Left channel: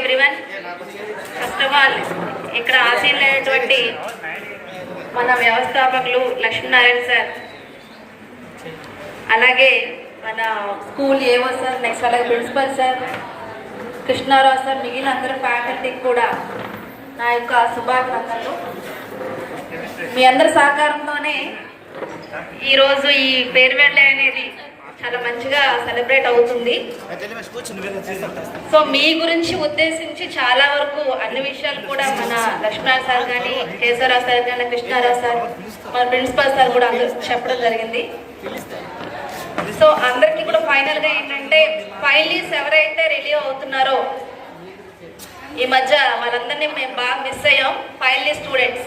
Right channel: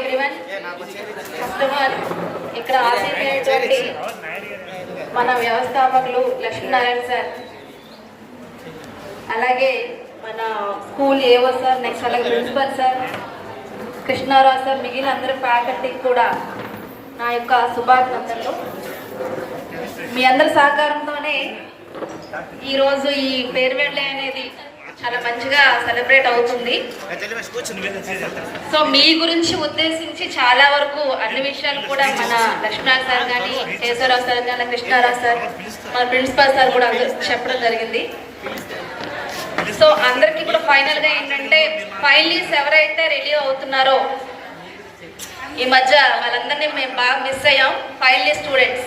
Everyone, first of all ఇక్కడ ఆశీర్వైనటువంటి మన వ్యవస్థాపకులు లక్ష్మీనారాయణ సార్, అలాగే మన స్కూల్ ఏవో సార్, నెక్స్ట్ అలాగే ప్రిన్సిపల్ సార్, కృష్ణారావు సార్, మిగిలిన అందరి ఫ్యాకల్టీకి కూడా నా యొక్క శుభాకాంక్షలు. మీ అందరి సహకారంతోనే ఈరోజు ఈ ఫేర్వెల్ డే అనేది చాలా మంచిగా సెలబ్రేట్ అవుతుంది. సో మీ గురించి ఉద్దేశించి చాలా వరకు అన్ని విషయాలు కూడా మన లక్ష్మణ్ సార్ కానీ, కేశవరావు సార్ కానీ, కృష్ణారావు సార్, మన ప్రిన్సిపల్ సార్ కూడా చెప్పడం జరిగింది. సో అందరికీ కూడా ఫైనల్గా ఏంటంటే, ఫైనలీస్ ఎవరైతే రిలీవ్ అవుతున్నారో ఈ మధ్య వాళ్ళందరినీ మేము బాగా మిస్ అయ్యాం. Finally students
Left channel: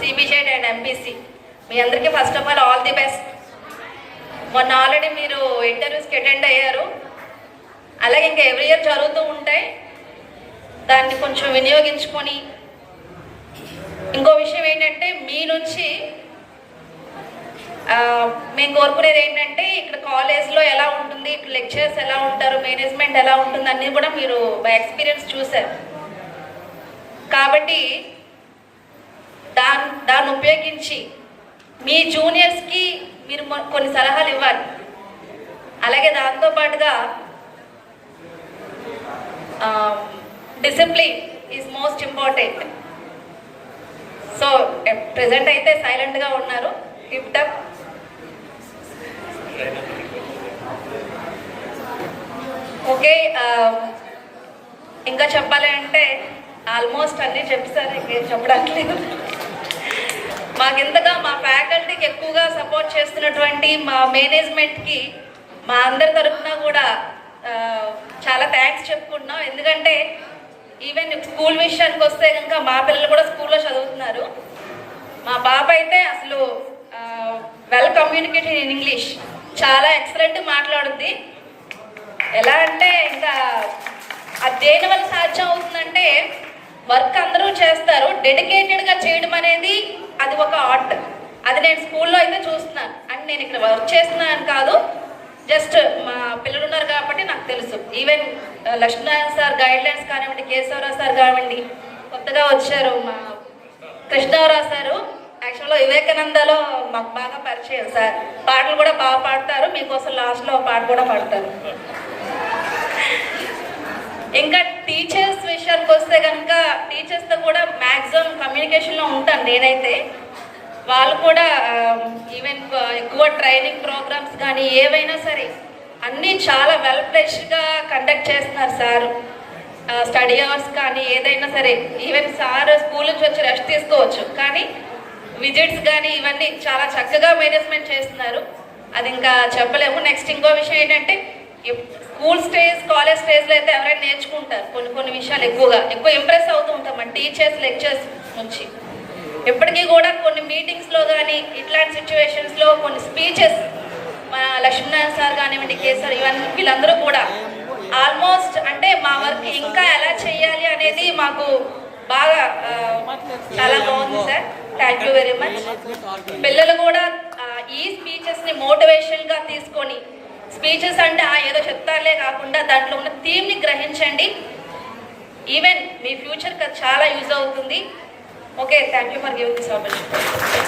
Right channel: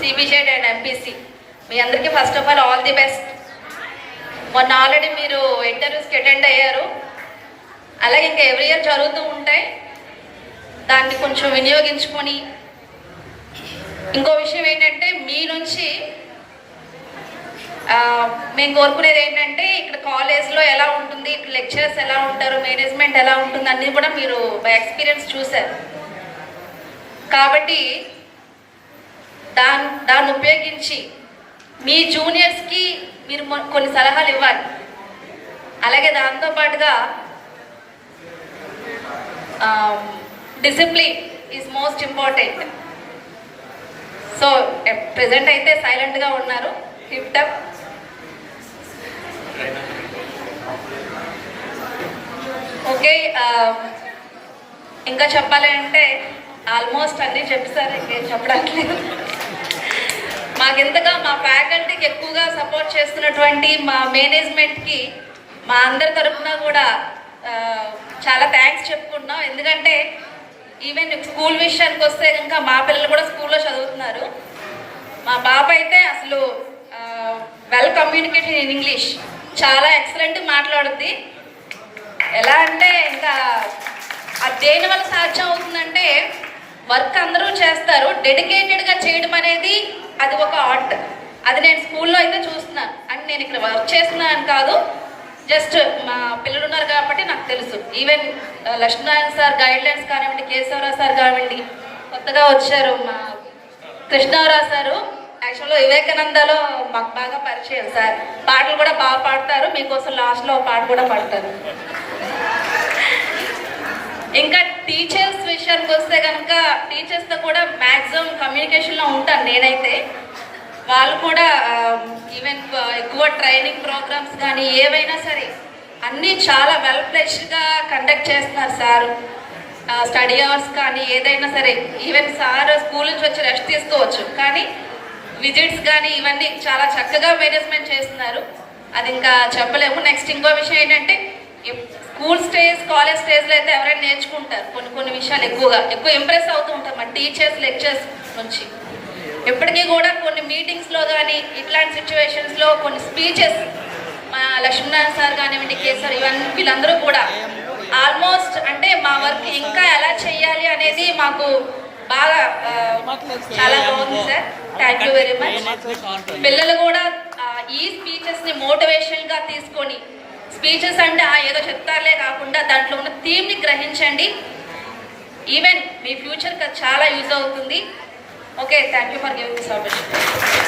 CBZ and MPC, మీ అందరికీ first of all the best. మొన్న ఆల్రెడీ మీరు ఇంటర్వ్యూస్కి అటెండ్ అయ్యారు, అలాగే ఇంకా ఎవ్రీ ఇయర్ జరుగుతూ ఉంటాయి. దాన్ని కొంచెం వినియోగించుకొని, ఇంకో విషయం ఏంటంటే మీ నుంచి మేము కోరుకునేది ఏంటంటే, ఇక్కడ కాలేజ్లో ఎలా ఉంటుంది, ఇక్కడ లెక్చరర్స్ ఎలా ఉంటారు, మేనేజ్మెంట్ ఎలా ఉంటుంది అన్నీ కూడా మీరు బై ఎక్స్పీరియన్స్ చూశారు. కాబట్టి దాన్ని ఉపయోగించి మీ జూనియర్స్కి మీరు కొన్ని సలహాలు ఇవ్వాలి. అలాగే దాంతోపాటుగా discipline is most important. So present అయితే సైలెంట్గా ఉన్నారు, టిప్ టప్. ఓకే, ఇంకా చెప్పాలి అంటే ఆల్మోస్ట్ అన్నీ చెప్పేసారు, ఇంకేం చెప్పడానికి లేదు. మాకెంతగా మా ఫ్యాకల్టీకి ఎక్కువగా సపోర్ట్ చేస్తున్నటువంటి మా మేనేజ్మెంట్కి మా అందరి తరఫున కూడా చాలా థ్యాంక్స్ చెప్పుకుంటున్నాం. ఎందుకంటే ఈవెన్ స్కూల్ విషయానికి వస్తే కనుక మా పిల్లలు కూడా స్కూల్లో చదువుతున్నారు. మా పాప అయితే అసలు వెల్ కమ్యూనికేటెడ్ ఇన్ ఇంగ్లీష్, చాలా ఎక్సలెంట్ మాట్లాడుద్ది. ఎలా అంటే ఇంకా అది దేని వల్ల సాధ్యం అవుతుందంటే, వర్క్ అందరూ చేస్తారు, డెడికేటెడ్గా చేయడం అనేది అది ఒక ఆర్ట్. అది నేను స్కూల్లో అయితే చూస్తున్నాను. అండ్ నేను ఇక్కడ వర్క్ చేస్తున్నాను కాదు, జస్ట్ మా పిల్లలు ఉన్నారు కాబట్టి నాకు తెలుసు. ఈవెన్ లక్ష్మీనారాయణ సార్ గైడ్లైన్స్ కానివ్వండి, కేశవరావు సార్ కానివ్వండి, కొత్తగా వచ్చారు మా కృష్ణారావు సారు, యాక్చువల్గా వివేకానందలో మాకు బాగా పరిచయం సార్. పాటలు కూడా బాగా పాడతారు, మీకోసం లాస్ట్లో పాట కూడా పాడతారు. ఇంకా టీచర్స్ విషయానికి వస్తే కనుక, టీచర్స్తో కూడా మ్యాక్సిమం కమ్యూనికేషన్లో ఉంటాను నేనైతే. వాళ్ళు కూడా ఈవెన్ ఎక్కువ ట్రైనింగ్ ప్రోగ్రామ్స్ కానీ ఏవైనా సరే అన్నీ చాలా వెల్ ఫ్లెష్డ్గా కండక్ట్ చేస్తున్నారు సార్. స్టడీ అవర్స్ కానీ ఏదైనా సరే, ఈవెన్ సార్ స్కూల్ నుంచి వచ్చి రెస్ట్ తీసుకోవచ్చు, కానీ విజిట్స్ కానీ ఇవన్నీ చాలా చక్కగా మేనేజ్మెంట్ చేస్తున్నారు. అది ఇంకా చెప్పలేము. నెక్స్ట్ ఇంకో విషయం ఏంటంటే, స్కూల్ స్టేజ్, కాలేజ్ స్టేజ్లో అయితే ఎవరైనా నేర్చుకుంటారు కొన్ని విషయాలు, ఎక్కువ ఇంప్రెస్ అవుతూ ఉంటాం మన టీచర్స్, లెక్చర్స్ నుంచి. ఇప్పటికీ కూడా కొన్ని మీటింగ్స్లో కానీ ఇట్లాంటి సిచ్యువేషన్స్లో కొన్ని స్పీచెస్ మా లక్ష్మీనారాయణ సార్ కానివ్వండి, కేసర్, ఇవన్నీ వీళ్ళందరూ కూడా ఆల్మోస్ట్ అంటే మా వర్క్ ఇంకా ఎలా చేయాలి అనేది మాకు బాగా చాలా బాగుంది sir. Thank you very much. పిల్లలు కూడా ఈ స్పీచెస్ని మోటివేషన్గా తీసుకొని, స్పీచెస్ అంటే ఏదో చెప్తారులే కాకుండా దాంట్లో ఉన్న థీమ్ని గ్రహించండి. ఈవెన్ మీ ఫ్యూచర్కి అది చాలా యూజ్ అవుతుంది. Okay, thank you for giving this opportunity.